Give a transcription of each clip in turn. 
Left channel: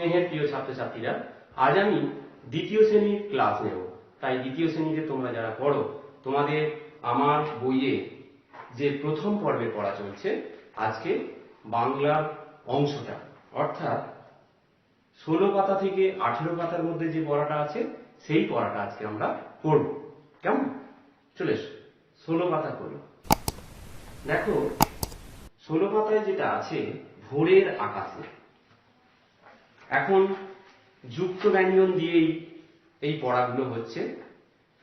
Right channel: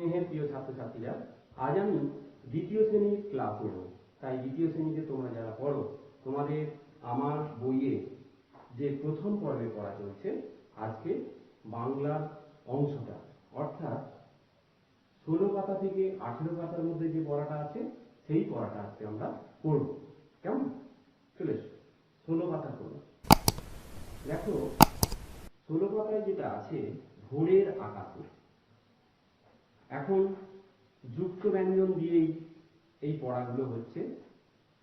স্নেহের প্রিয় ছাত্রছাত্রীরা, আজ আমি দ্বিতীয় শ্রেণীর ক্লাস নেব। তাই দ্বিতীয় শ্রেণীতে তোমরা যারা পড়ো, তোমাদের আমার বইয়ে যে প্রথম পর্বে পড়া চলছে, আজকে বাংলার অংশটা, অর্থাৎ 16 পাতা থেকে 18 পাতার মধ্যে যে পড়াটা আছে সেই পড়াটা আজকে আমরা পড়ব। কেমন? চলে এসো, 16 পাতা করো। দেখো 16 পাতায় যেটা আছে, ভোরের আকাশে। এখন যুক্ত ব্যঞ্জন দিয়েই এই পড়াগুলো হচ্ছে,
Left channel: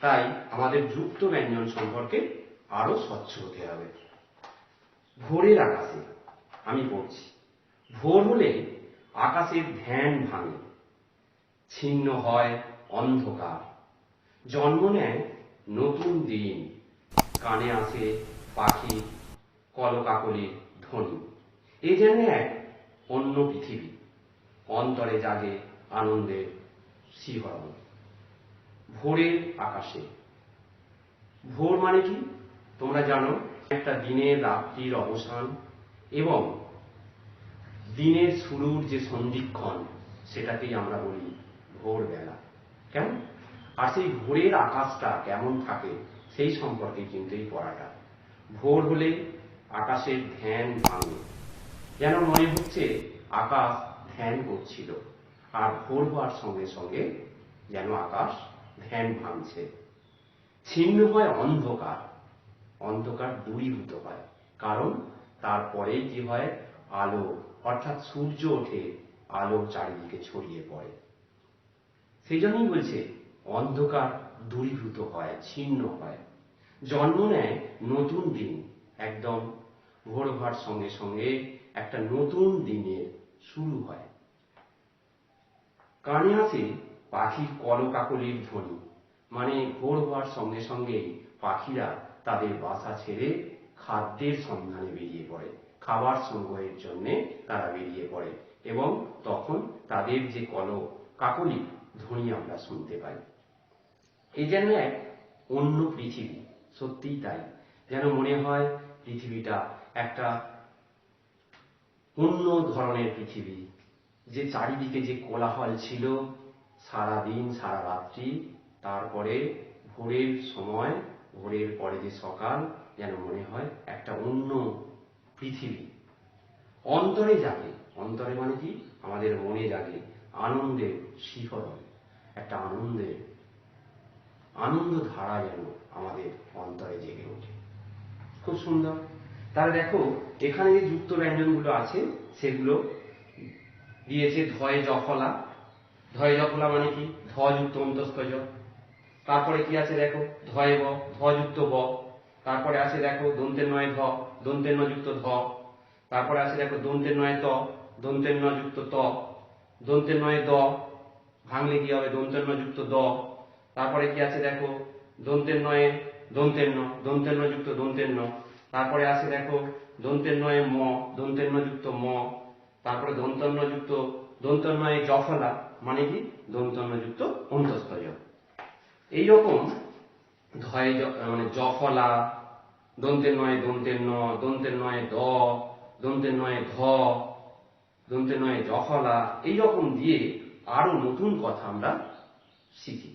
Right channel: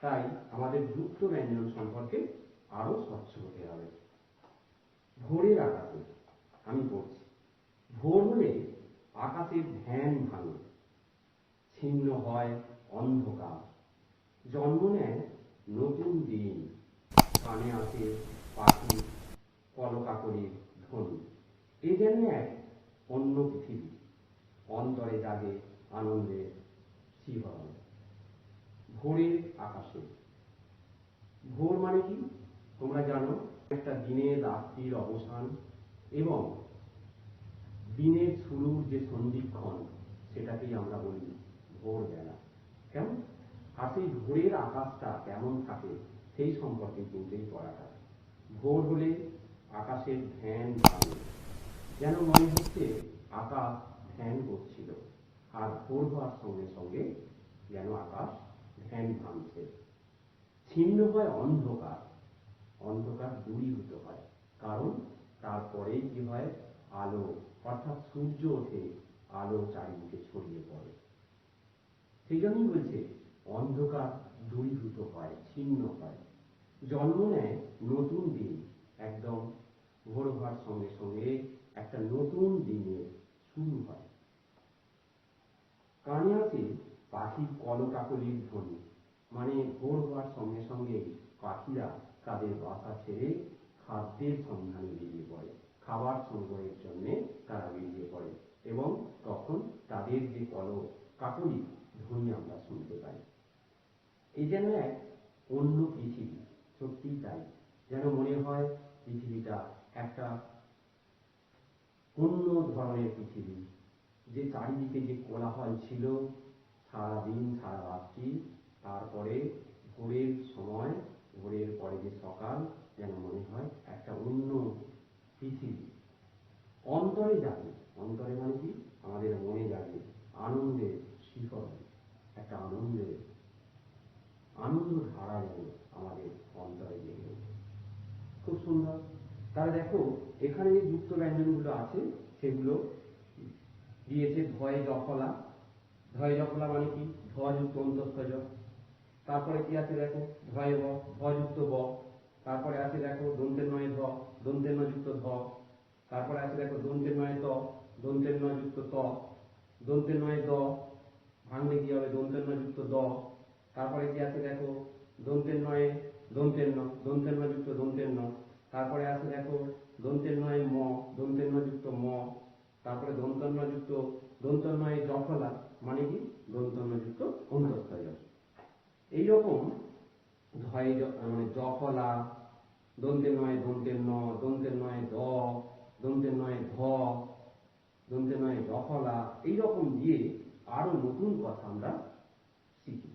তাই আমাদের যুক্ত ব্যঞ্জন সম্পর্কে আরো স্বচ্ছ হতে হবে। ভোরের আকাশে আমি পড়ছি। ভোর হলে আকাশের ধ্যান ভাঙে, ছিন্ন হয় অন্ধকার, জন্ম নেয় নতুন দিন, কানে আসে পাখি কলকাকলির ধ্বনি। এ যেন এক অন্য পৃথিবী, অন্তরে জাগে আনন্দের শিহরণ। ভোরের আকাশে। ভোর মানে কি তোমরা জানো, একটা দিনের রাত্রির অবসান এবং দিনের শুরুর যে সন্ধিক্ষণ, সেটাকেই আমরা বলি ভোরবেলা। কেমন? আর সেই ভোরের আকাশটা কেমন থাকে সেই সম্পর্কে কিন্তু এই পড়াটা। ভোর হলে আকাশের ধ্যান ভাঙে, যেন মনে হচ্ছে আকাশ ধ্যান করছিল, আর ভোর হওয়ার সঙ্গে সঙ্গে যেন আকাশ ধ্যান ভাঙছে। ছিন্ন হয় অন্ধকার, অন্ধকার দূরীভূত হয়, কারণ তারপরেই কি হয়, আলো, অর্থাৎ সূর্য ওঠে, আলো চারিদিকে ছড়িয়ে পড়ে। সেই জন্যই বলছে অন্ধকার দূরীভূত হয়, ছিন্ন হয়, জন্ম নেয় নতুন দিন। একদম ভোর হওয়ার সঙ্গে সঙ্গে একটা নতুন দিনের শুরু হয়। কানে আসে পাখির কলকাকলির ধ্বনি, মানে ভোর হওয়ার সঙ্গে সঙ্গে পাখিরা তাদের বাসা ছেড়ে খাদ্যের সন্ধানে বেরিয়ে পড়ে, খাবার সংগ্রহের জন্য তারা বেরিয়ে পড়ে, এবং তখন তাদের যে কলকাকলি ধ্বনি আমরা শুনতে পাই। এই যেন এক অন্য পৃথিবী, সত্যিই তাই, যেন মনে হয় পৃথিবীটা একটা অন্য ধরনের পৃথিবী। যে চারিদিকে যে কোলাহল ছিল সারাদিন সারা রাত্রি, তারপরে ভোরের সময়, ভোরের পরে যে সকাল, যেন মনে হয় একটা অন্য পৃথিবী। অন্তরে জাগে, অন্তরে মানে কি আমাদের মনে জাগে আনন্দের শিহরণ, একটা আনন্দ ধারা যেন আমাদের অন্তরে জেগে ওঠে। খুব সুন্দর। তাহলে দেখো এখানে যে যুক্ত ব্যঞ্জনগুলো আছে সেগুলো দিয়েছে ধয়ে জফলা। ধয়ে জফলা মানে কি ধ যুক্ত অন্তস্থ জ। তারপরে কি আছে দেখো ধয়ে ব, ধ যুক্ত ব। তারপরে আছে দেখো দন্তের নয় ধ, দন্তের ন যুক্ত ধ। তারপরে আছে দেখো দন্তের নয় ত, দন্তের ন যুক্ত ত। দন্তের নয় দ, ভাঙলে কি হবে দন্তের ন যুক্ত দ। তারপরে কি আছে দেখো দন্তের নয়ে দন্তের ন, দন্তের ন যুক্ত দন্তের ন। তারপরে আছে দেখো দন্তের নয়ে ম, দন্তের ন যুক্ত ম। তারপরে দন্তন্য যুক্ত দন্তন্বয়ে জফলা মানে কি দন্তন্য যুক্ত অন্তস্থ জ। এইরকম ধয়ে মানে জফলা, দন্তের নয় দন্তের ন, দন্তের নয় দ, দন্তের নয় ধ, দন্তের নয় জফলা, এইরকম দিয়ে আরো নতুন কথা আমরা শিখি।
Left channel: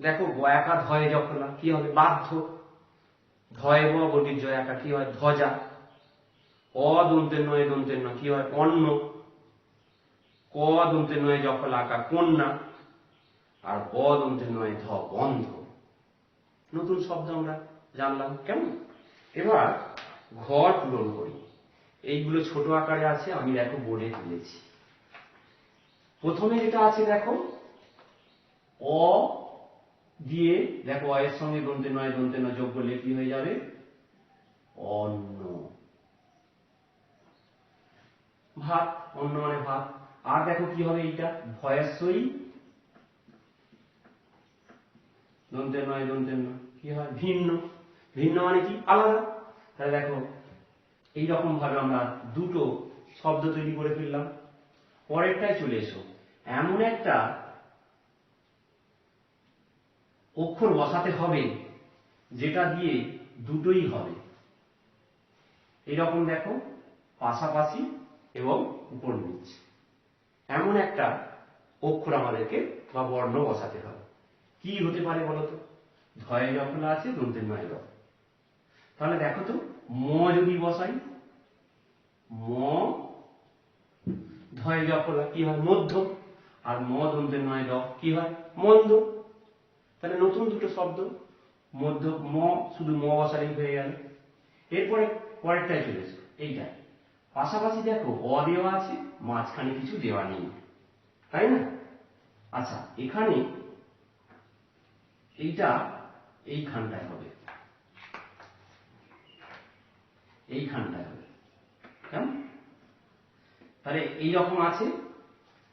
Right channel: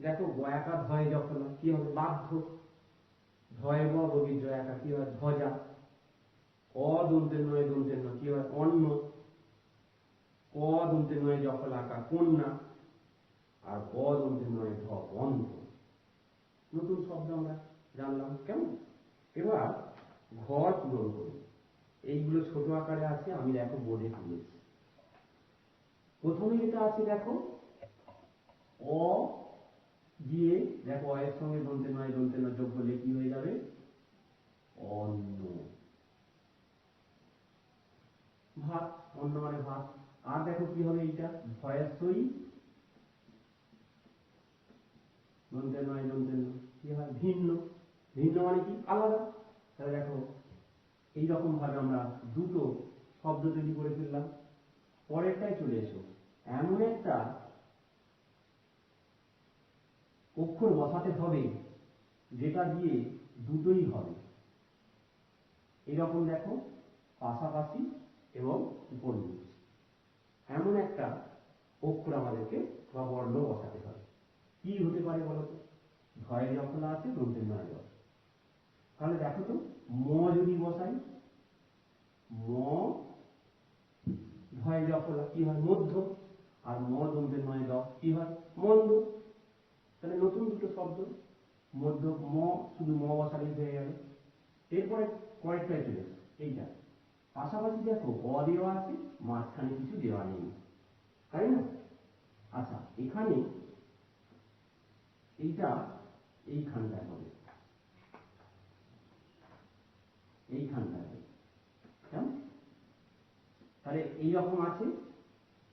দেখো বয়াকা ধয়ে জফলা কি হবে বাধ্য, ধয়ে ব বটির জয়াকা কি হয় ধ্বজা, অ দন্তের নয় দন্তের ন কি হয় অন্ন, ক দন্তের নয় জফলা আকা কন্যা, আর ব দন্তের নয় ধ বন্ধ। নতুন শব্দ আমরা জানলাম। কেমন? এবার ঘর পূরণ করি। এইগুলো ছোট আকারে আছে, আমি দেখো বোর্ডে তুলেছি। প্রথমে যেটা আছে দেখো অ দিয়ে, দেখো অ এর সঙ্গে দন্তের নয় দন্তের ন যোগ করলে কি হয়ে যাবে অন্ন, ভাত, অন্ন মানে ভাত। আর দেখো কি হবে এইটা ভয়েসই দন্তের নয় দন্তের ন কি হয় ভিন্ন, ভিন্ন মানে কি আলাদা। তাহলে দেখো এইরকম ভাবে আমরা দুটো শব্দ তৈরি করে ফেললাম। পরেরটায় চলে এসো, এমন একটা অক্ষর বসাতে হবে যেটা দিয়ে দুটোই হবে। এরকম দেখো পাশাপাশি এবং উপর নিচ। এমন একটা অক্ষর আমাদেরকে বা বর্ণ বসাতে হবে। কি হতে পারে বলতো? ধয়ে জফলা আছে, দন্তের নয় দ। তাহলে দেখো তো, ম যদি বসাই, ম ধয়ে জফলা কি হয়? মধ্য। আর ম দন্তের নয় দ কি হয়? মন্দ। তাহলে নতুন দুটো শব্দ, মধ্য ম, শুধু ম বসালেই হয়ে গেল। এরপরে পরেরটায় চলে এসো, এইটা পাশাপাশি দেখো অ দেওয়া আছে, মাঝখানে কিছু দেওয়া নেই, তাই না? আচ্ছা, এখানে এইটা এইখানটায় হবে, এইখানটায় হবে, কেমন? তাহলে এইরকম আছে।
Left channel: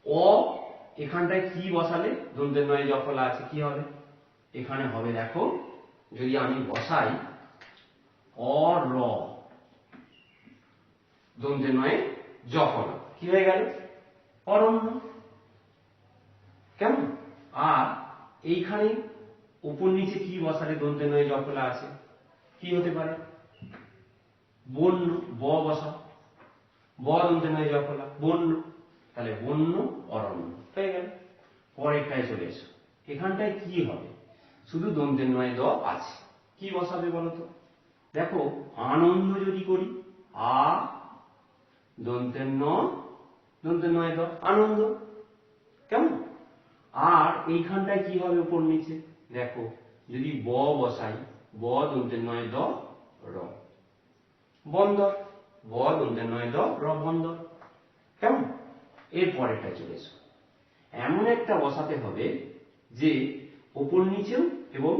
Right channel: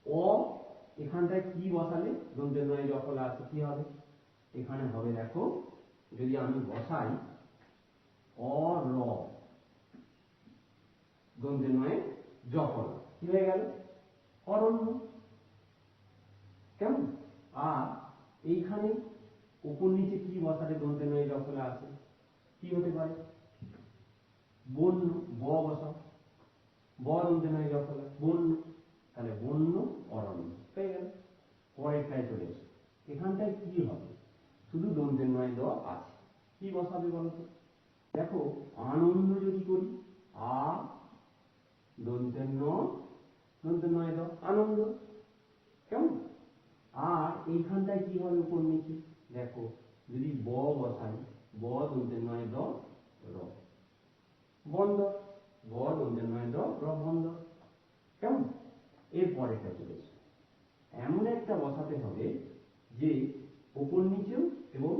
অ এখানটায় কি বসালে দন্তের নয় জফলা আছে, কি হবে? এখানে হবে দেখো, যদি আমি বসাই অ র, দন্তের নয় জফলা, কি হয়ে গেল? অরণ্য। কেমন? আর এইখানে উপর নিচে কি বসালে দন্তের নয় জফলা আছে, কি হতে পারে? বন্য। ব বসাও, ব দন্তের নয় জফলা, বন্য। তাহলে বন্য অরণ্য হয়ে গেল। পরেরটায় চলে এসো, এখানটায় কি হবে? শুধু দন্তের নয় দ আছে, কি বসাবে বলতো? দেখো, আনন্দ যদি করি, আ দন্তের ন, দন্তের নয় দ, আনন্দ। কেমন? আর এইখানটায় কি হবে উপর নিচে? দেখো, যদি ব বসাই, ব দন্তের নয় দ র, বন্দর। ব দন্তের নয় দ র, বন্দর। কেমন? এর পরেরটায় চলে এসো, এমন একটা বসাতে হবে যে উপর নিচেও এবং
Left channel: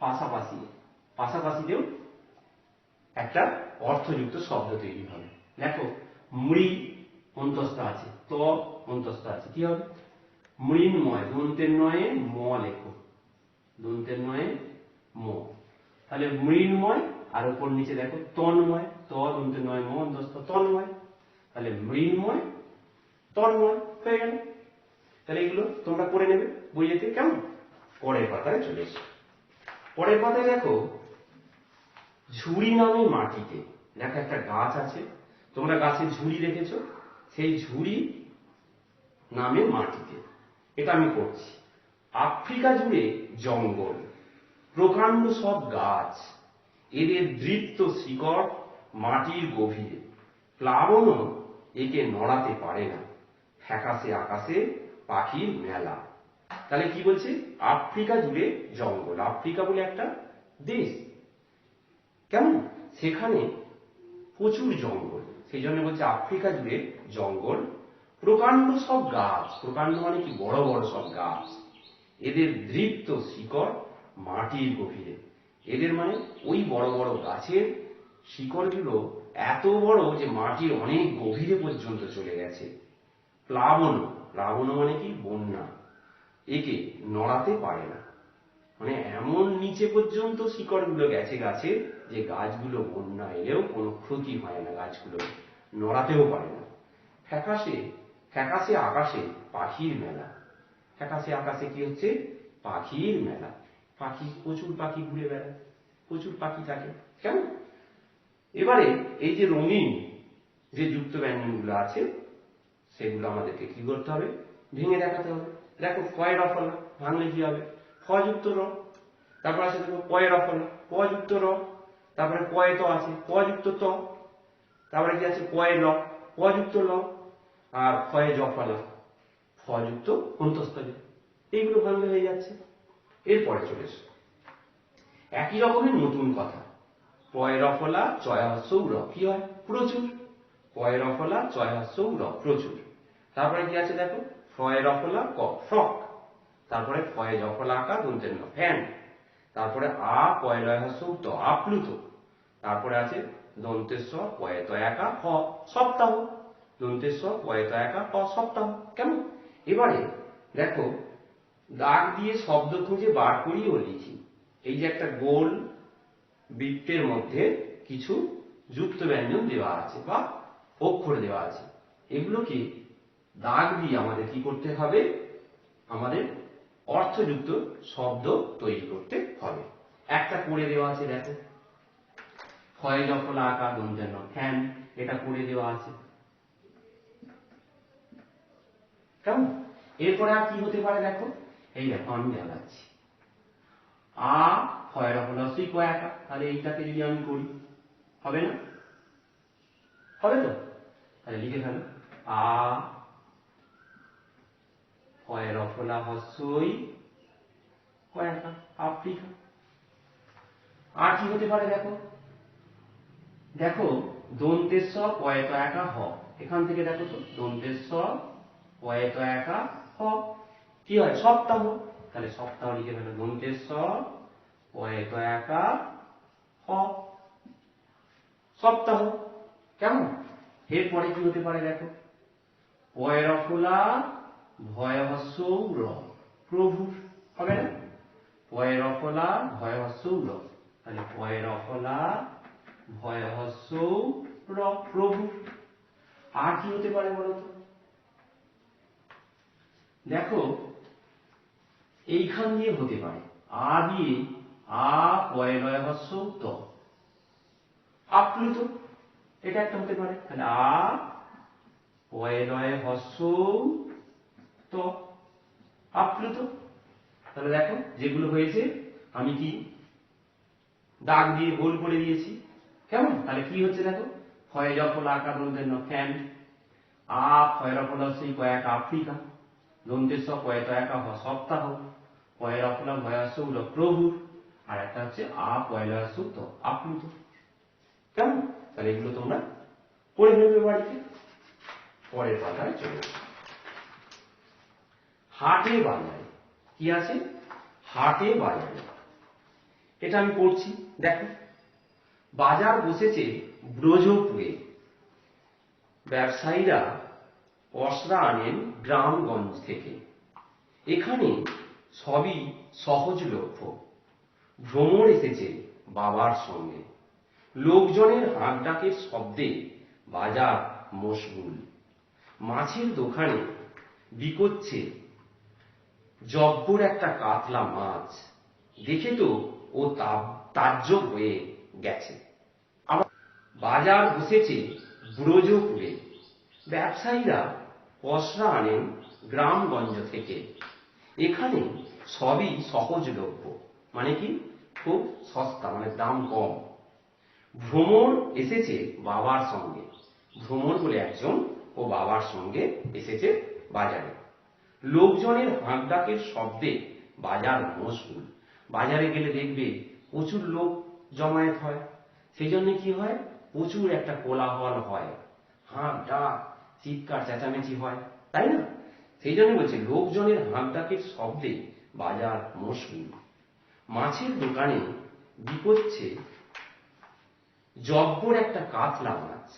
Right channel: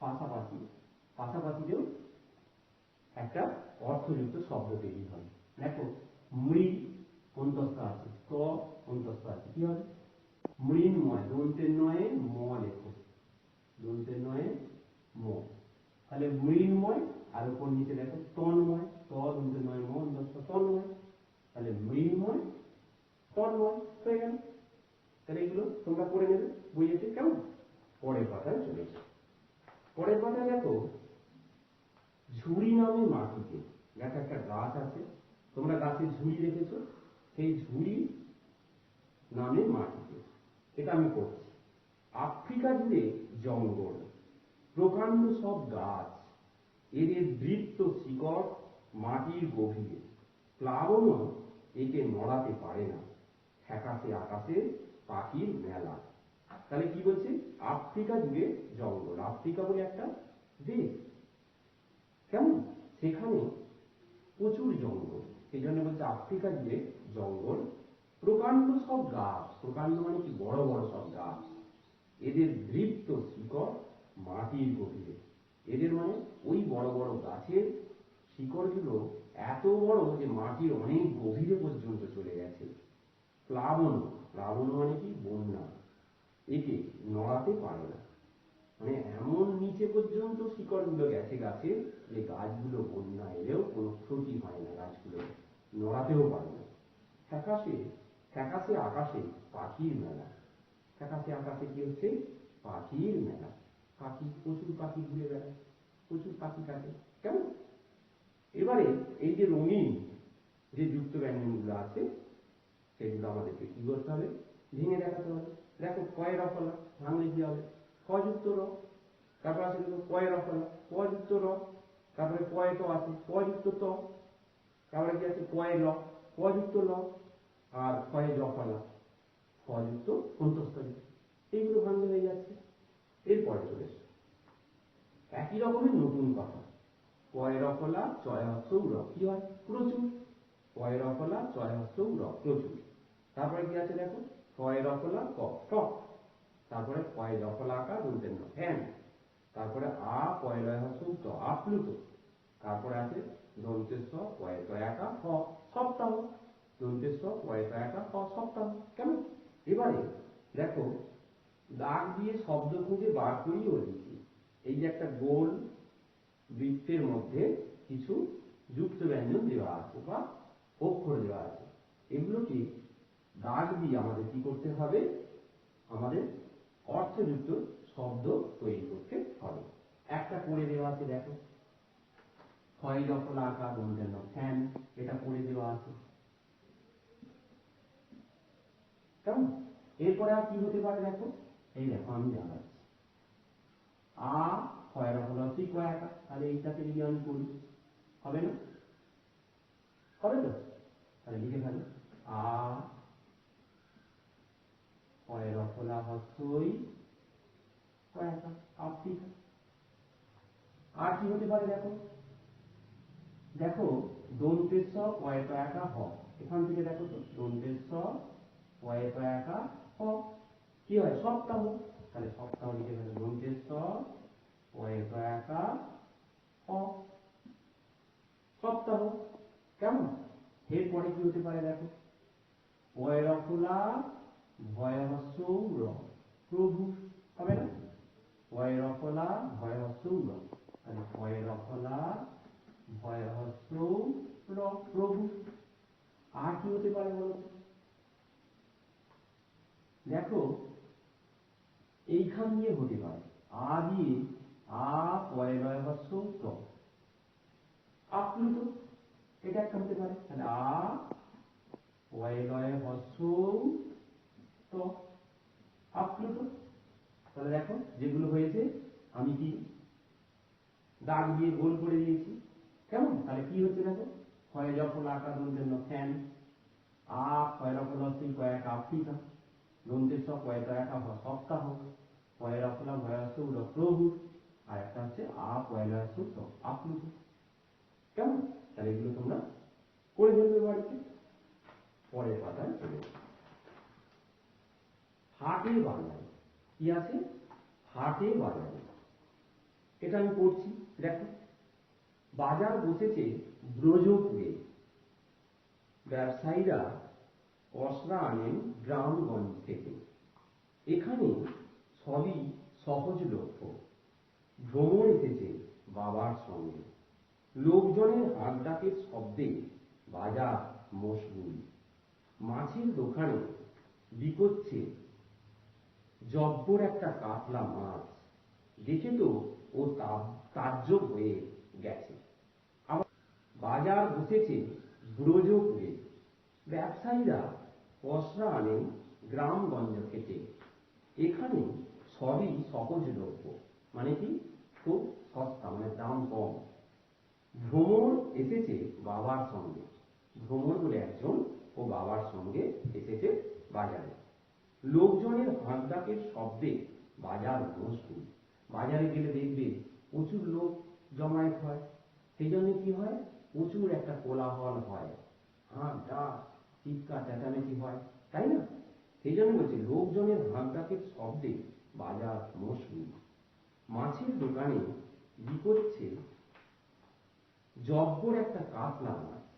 পাশাপাশি, পাশাপাশিতেও একটা অর্থযুক্ত শব্দ তৈরি হবে। দেখো, মৃ অন্তস্থ আছে, ত অন্তস্থ আছে, কি হবে? মৃন্ময়। দন্তের নয়ে ম লেখো, দন্তের নয়ে ম। তাহলে মৃন্ময়। আর উপর নিচে দেখো তন্ময়, ত দন্তের নয় ম অন্তস্থ, তন্ময়। তাহলে মৃন্ময় তন্ময় হয়ে গেল। তাহলে এগুলো তোমরা করে নেবে বইয়েতে, কেমন? পরের পাতায় চলে এসো। পরের পাতায় দেখো, ঝুড়ি নামে মাটিতে। দেখো, একটা গাছ আছে, তোমরা গাছের ঝুড়ি দেখেছো, সেই ঝুড়ি নামে মাটিতে। এটা আমি করছি। আফ্রিকা জুড়ে জঙ্গল, প্রকাণ্ড সব গাছ, এদের দৃপ্ত শিকড় মাটির গভীরে, প্লাবনও একে নড়াতে পারে না, ফ্যাকাশে আকাশে পাখির মেলা। তাহলে কি বলছে? আফ্রিকা জুড়ে জঙ্গল। আফ্রিকা বলে একটা দেশ, কেমন? সেখানে প্রচুর জঙ্গল, সেই জন্য বলছে আফ্রিকা জুড়ে জঙ্গল, প্রকাণ্ড সব গাছ। প্রকাণ্ড মানে কি? বড় বড় সব গাছ। এদের দৃপ্ত শিকড় মাটির গভীরে। এদের মানে ওই বড় বড় গাছের শিকড়গুলো এত বড় যে মাটির অনেক গভীরে পর্যন্ত চলে গেছে। প্লাবন, প্লাবন মানে কি? বন্যা। একে নড়াতে পারে না, মানে এমন নিচে পর্যন্ত শিকড়গুলো গেছে গাছে যে গাছগুলো বন্যা এলেও কোনো ক্ষতি হয় না, গাছগুলো নড়াতেও পারে না। ফ্যাকাশে, ফ্যাকাশে আকাশে পাখির মেলা। ফ্যাকাশে আকাশে কি হচ্ছে? পাখির মেলা। পাখি, প্রচুর পাখি ঘুরে বেড়ায়, প্রচুর পাখি থাকে, কেমন? এবারে এই যে রঙিন যে যুক্ত ব্যঞ্জনগুলো আছে, সেগুলো আমাদেরকে কি করতে হবে? ভেঙে দেখাতে হবে। দেখো, কয় রফলা, ভাঙলে কি হবে? ফ যুক্ত র। তারপর আছে দেখো কয় রফলা, ক যুক্ত র। তারপরে কয় ত আছে, ক যুক্ত ত। তারপরে কি আছে? কয় ল, ক যুক্ত ল। আর ক্ষয়ে জফলা, ফ যুক্ত অন্তস্থ জ। এইগুলো ভাঙলে হয়ে যাচ্ছে। এরপরে চলে এসো, একই রকমের নতুন কথা। পয় রফলা চয় হস্যৌ র, কি হয়? প্রচুর। পয় রফলা চয় হস্যৌ র, প্রচুর। তারপরে কি আছে দেখো, ফয় রফলা ক, ফ্রক। তারপরে ফয়ে জফলা আকা দন্তের ন, ফ্যান। তারপরে আ পয় লয় হস্যৌ ত, আপ্লুত। তারপরে আছে দন্তেস্ব পয়ে ত একা হ, সপ্তাহ। দন্তেস্ব পয়ে ত একা হ, সপ্তাহ। কেমন? এবারে দেখো, দাগ দিয়ে শব্দ খুঁজে বার করি ও লিখি। এই যে একটা গোল বৃত্তের মধ্যে কিছু যুক্ত ব্যঞ্জন দেওয়া আছে বা অক্ষর দেওয়া আছে, এগুলোকে দাগ দিয়ে আমাদের কি করতে হবে? আমাদের অর্থযুক্ত শব্দ তৈরি করতে হবে। একটা করে দেওয়া আছে, দেখো, ক্ষয় জফলা আকার দন্তের ন, ফ্যান। এটা করে দেওয়া আছে। কেমন? এরপরে আর কি হতে পারে দেখো, এই দেখো আমি দেখাচ্ছি। আ হয় রফলা হস্যই ক একা, তাহলে এইটাকে যদি আমি করি হবে না? হবে তো? তাহলে লিখে ফেলো, আ হয় রফলা হস্যই ক একা, আফ্রিকা। আর কি হতে পারে দেখো, দেখো দন্তেস পয়েত একা হ, এখান থেকে দেখো তো দন্তেস পয়েত একা হ কি হয়? সপ্তাহ। তাহলে সপ্তাহ লিখে ফেলো, দন্তেস পয়েত একা হ, সপ্তাহ। কেমন? এরপরে কি হতে পারে দেখো, পয়রফলা ভয়হস্য র, প্রভু, হবে না? পয়রফলা ভয়হস্য র, তাহলে পয়রফলা ভয়হস্য র, প্রভু। আর কি হতে পারে বলতো, দেখো এইখান দিয়ে হতে পারে, আ দিয়ে আ পয়লয় হস্য ত, আপ্লুত, এটা একটা হতে পারে। তাহলে আ পয়লয় হস্য ত, আপ্লুত। তাহলে দেখো যেগুলো হয়েছে আমি কি দাগ দিয়ে গোল করে দিয়েছি। কেমন? তাহলে কি হচ্ছে দেখো, হয় যফল আকার দন্তের ফ্যান, আ ফয়রফল সেই কয়েক আফ্রিকা, দন্তের সব কয়েক একা সপ্তাহ, পয়রফলা ভয়াস প্রভু, আর একটা হচ্ছে আ পয়লা সুত আপ্লুত। কেমন? তাহলে এগুলো তোমরা পড়ে ফেলবে বাড়িতে। পরের পাতায় চলে হাটে বাজারে, কি আছে? হাটে বাজারে, এটা আমি পড়ছি। দেখো বাজার বসেছে ব্রজপুরে, ব্যবসায়ীরা পসরা আনেন গ্রামগঞ্জ থেকে, এখানে সবই সহজলভ্য। ভ্রমর এসেছে বাবার সঙ্গে, লোকজনের হাঁকডাকের শব্দে বাজার মশগুল। মাছের দোকানে বিকোচ্ছে জব্বর একটা কাতলা মাছ, দেখে তো ও তাজ্জব হয়ে গেছে। আবার বাজার বসেছে ব্রজপুরে, ব্যবসায়ীরা পসরা আনেন গ্রামগঞ্জ থেকে, এখানে সবই সহজলভ্য, মানে কি খুব সস্তা, মানে দাম কম। ভ্রমর এসেছে বাবার সঙ্গে, ভ্রমর বলে একজন ও বাবার সঙ্গে এসেছে বাজারে। লোকজনের হাঁকডাকের শব্দে বাজার মশগুল। বাজারে গেলে দেখবে প্রচুর লোক জমায়েত হয়, সেই জন্য কি হয়, প্রচুর একটা কোলাহল হয়, হাঁক ডাক চিৎকার চেঁচামেচি হয়, তাই না? সেই জন্য বলছে লোকজনের হাঁকডাকের শব্দে বাজার মশগুল। মাছের দোকানে বিকোচ্ছে জব্বর একটা কাতলা মাছ,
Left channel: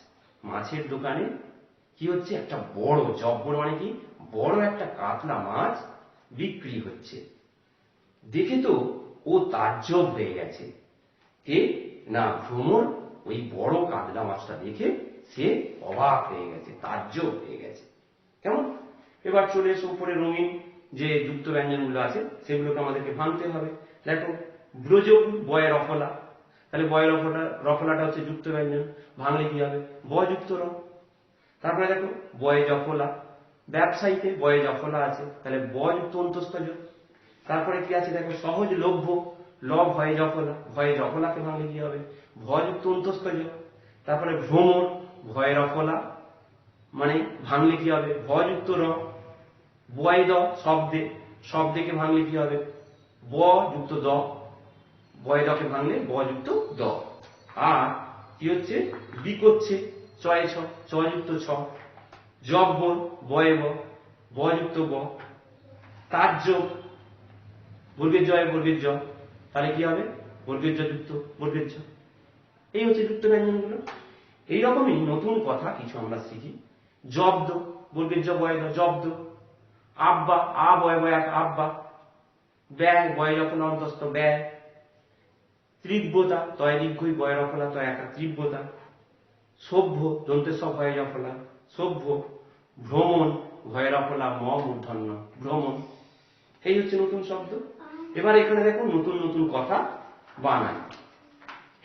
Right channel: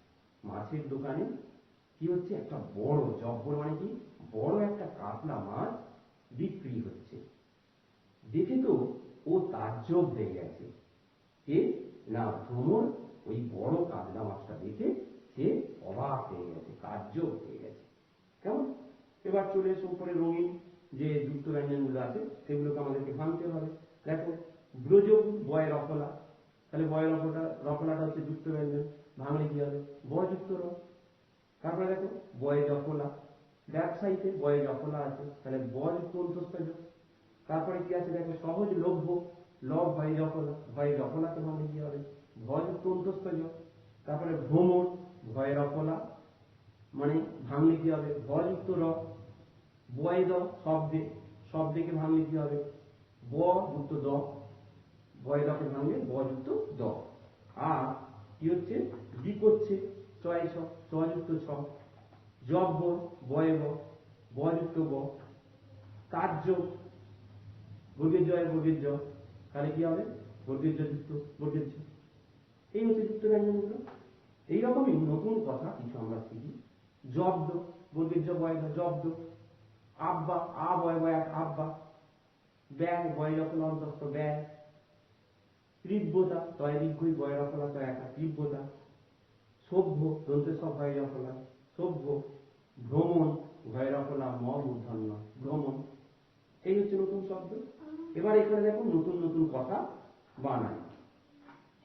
মাছের দোকানে কি হচ্ছে, একটা বড় জব্বর মানে কি বড় একটা কাতলা মাছ বিক্রি হচ্ছে, দেখে তো ও তাজ্জব হয়ে গেছে। কে না, ভ্রমর ওই বড় কাতলা মাছটা দেখে সে অবাক হয়ে গেছে, তাজ্জব হয়ে গেছে। কেমন? এবার চলে এসো উপরে রঙিন যে যুক্ত ব্যঞ্জনগুলো আছে সেগুলোকে আমাদেরকে ভাঙতে হবে। দেখো ব্রজকুল বয়ের রফলা, তাহলে বয়ের রফলাটা হচ্ছে যুক্ত ব্যঞ্জন, ভাঙলে কি হবে, ব যুক্ত র। তারপরে দেখো বয়ে জফলা, ব্যবসায়ীতে বয়ে জফলা আছে, তাহলে ব যুক্ত অন্তস্থ যোগ। তারপরে কি আছে দেখো সহজলভ্য, ল ভয়ে জফলা, ভয়ে জফলাকে ভাঙলে কি হবে, ভ যুক্ত অন্তস্থ যোগ। তারপরে ভ্রমর ভয়ে রফলা, মানে ভাঙলে কি হবে, ভ যুক্ত র। বয় দ শব্দে, শব্দেকে ভাঙলে কি হবে, ব যুক্ত দ, বয় দকে ভাঙলে ব যুক্ত দ। আর কি হচ্ছে, বিকোচ্ছে চয় ছ, চ যুক্ত ছ। জব্বর বয়ে ব যুক্ত ব। তাজ্জব বর্গের জয় বর্গের জ, তাহলে কি হবে, বর্গের জ যুক্ত বর্গের জ। এই হচ্ছে যুক্ত ব্যঞ্জনগুলো। এইরকমই নতুন কথা কিছু আমরা শিখি। জব্দ বর্গের জ বয় দ, জব্দ। আব্বা আ বয় বয় এক আব্বা, ব্যয় বয় যখন অন্তস্থ ব্যয়। তীব্রতা তয় দীর্ঘই বয় রফলা তয় একা তীব্রতা। সভ্য দন্তে সব ভয়ে রফলা সভ্য। ভ্রমণ ভয়ে রফলা ম মূর্ধন্য ভ্রমণ। এই হচ্ছে নতুন শব্দ। এবার এখানে দেখো নতুন নতুন কথা বানাই,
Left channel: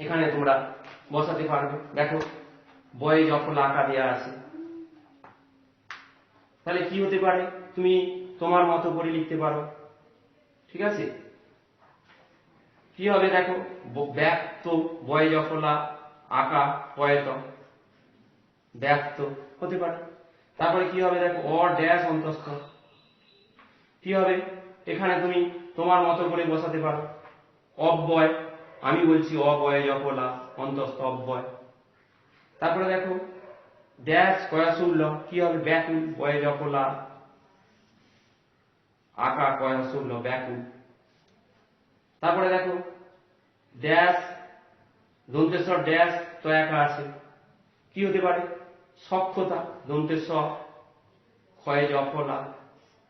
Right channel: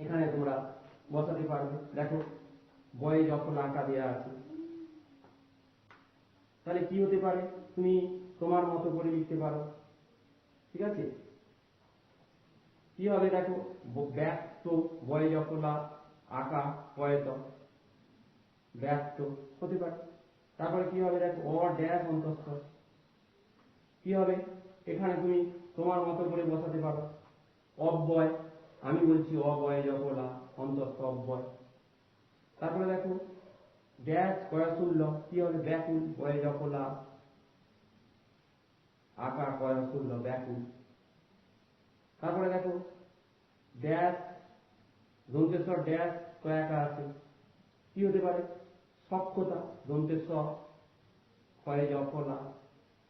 এখানে তোমরা বসাতে পারবে। দেখো বয়ে জফলা আঁকা দেওয়া আছে, তাহলে কি হতে পারে, তুমি তোমার মতো করে লিখতে পারো। ঠিক আছে, কি হবে দেখো, ব্যক্ত বয় জফলা আকা পয়ত, ব্যক্ত হতে পারে। তারপরে কি হবে দেখো, অ ড্যাশ অন্তস্থ, কি হবে এখানে তুমি তোমার মতো করে বসাতে পারো। অব্যয়, আমি বলছি অবয় জফলা অন্তস্থ অব্যয়। তারপরে দেখো ড্যাশ কয়াশূল্য, কি হবে ব্যাকুল বয় জফলা আকা কয়াশূল্য ব্যাকুল। তারপরে দেখো ড্যাশ দন্তেশ্বর ড্যাশ তয়াকা আছে, কি হতে পারে সক্ষতা, দন্তেশ্বর ক্ষয় জফলা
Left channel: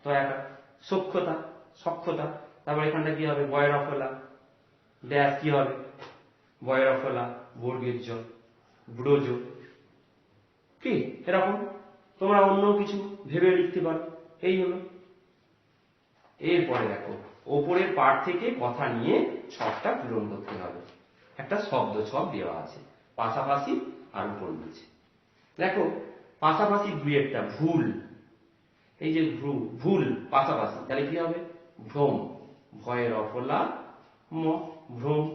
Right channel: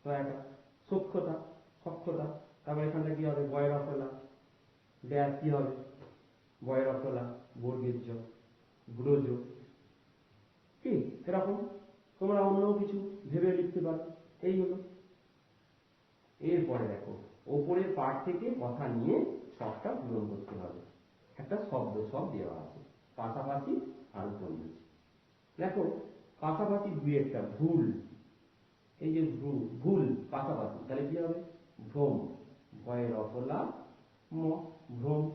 তয়াকা সক্ষতা, সক্ষতা। তারপর এখানটা কি হবে বয়ের অফলা ড্যাশ, কি হবে বয়ের অফলা বর্গের জ ব্রজ। কি এরকম তোমরা অন্য কিছু ভেবে লিখতে পারো। এই হলো। এরপরে দেখো ওপরের পাঠ থেকে কথা নিয়ে ছকটা পূরণ করতে হবে। একটা শব্দ ছক দেওয়া আছে, পাশাপাশি আর উপর নিচে। দেখো পাশাপাশি দুই একটা ভুল, এই যে ভুল পাশাপাশি, তাহলে কি হবে ভ্রম, ভয়ের অফলা ম ভ্রম।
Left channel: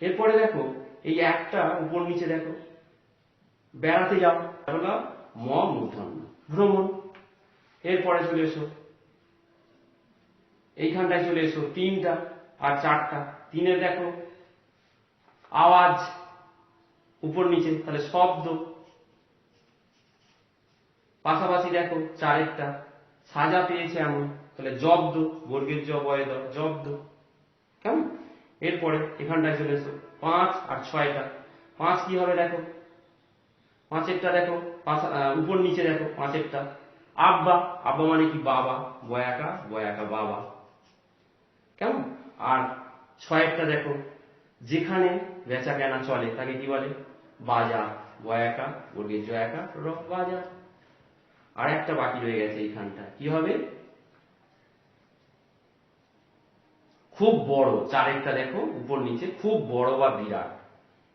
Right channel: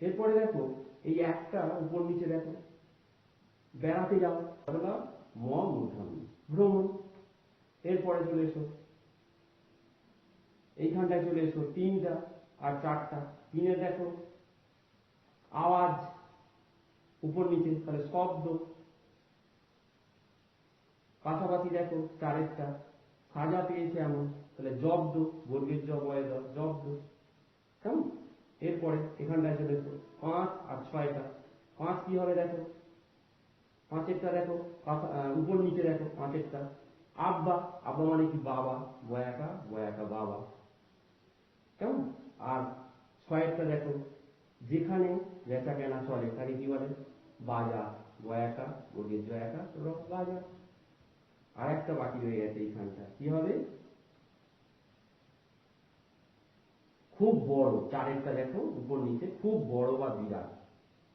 এরপরে দেখো এই একটা উপর নিচে দেখো বেড়াতে যাও, হলো ম মূর্ধন্য ভ্রমণ। এরপরে চলে এসো এইখানটায় চলে এসো তিনটা আর চারটা, তিনের দেখো আওয়াজ উপর নিচে, তাহলে শব্দ। পাশাপাশি দেখো চারেরটা সাজা পেয়েছে এমন, তাহলে জব্দ বর্গের জ বয় দ জব্দ। কেমন? এরপরে এখানটায় চলে এসো পাঁচ আর ছয়টা, পাঁচ কি হবে দেখো, পাঁচেরটা দেখো উপর নিচে দেখো পাঁচেরটা আব্বা, আব্বা মানে কি বাবা, বয়াকা বাবা। কেমন? আর ছয়েরটা দেখো যেখানে বেচা কেনা চলে তাকে কি বলে বাজার, বয়াকা বর্গের জ একা র বাজার। আর একটা বাকি রয়ে গেছে এইখানটা, কি হবে খুব বড়, চারেরটা দেখো উপর নিচে খুব বড় বা বিরাট,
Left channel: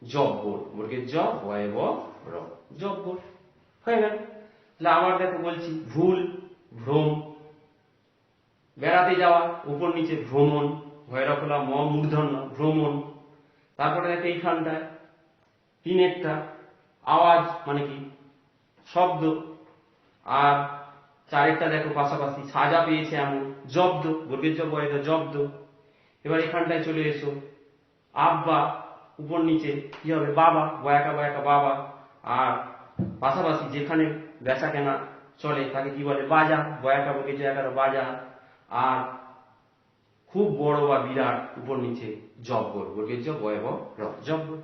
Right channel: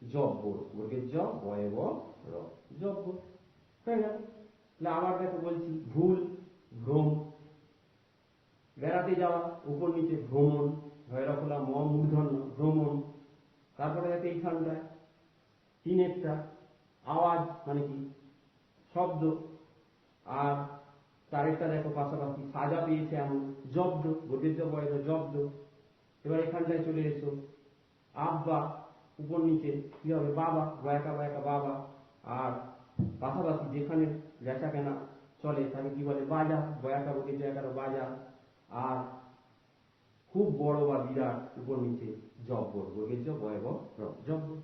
জব্বর বর্গের জ বয় ব র জব্বর। হয়ে গেল। তাহলে আবার দেখো বলছি ভুল ভ্রম, বেড়াতে যাওয়া উপর নিচে ভ্রমণ, ভয়ের অফলা ম মূর্ধন্য ভ্রমণ। তারপরে দেখো এইখানটায় তিনেরটা আওয়াজ মানে কি শব্দ, আর চারেরটা দেখো পাশাপাশি সাজা পেয়েছে এমন, জব্দ বর্গের জ বয় দ জব্দ। এবার এখানটায় চলে এসো আব্বা উপর নিচে কি হবে বাবা, বয়াকা বাবা। আর পাশাপাশি যেখানে বেচা কেনা চলে তাকে কি বলে বাজার, বয়াকা বর্গের জ একার বাজার। আর খুব বড় বা বিরাট উপর নিচে জব্বর বর্গের জ বয় ব র জব্বর।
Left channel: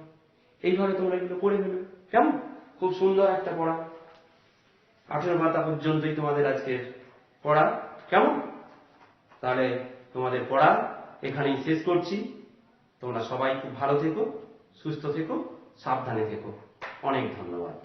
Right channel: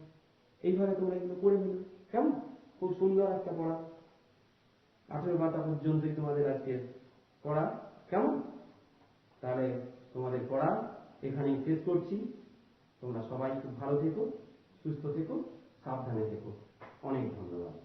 এইভাবে তোমরা এগুলো করে নেবে। কেমন? খুব সুন্দর একটা পড়া, 18 পাতা পর্যন্তই তোমাদের আজকের পড়া। কেমন? তাহলে তোমাদের পড়া এখানেই শেষ করছি। তোমরা সবাই খুব ভালো থেকো, সুস্থ থেকো, সাবধানে থেকো। অনেক ধন্যবাদ।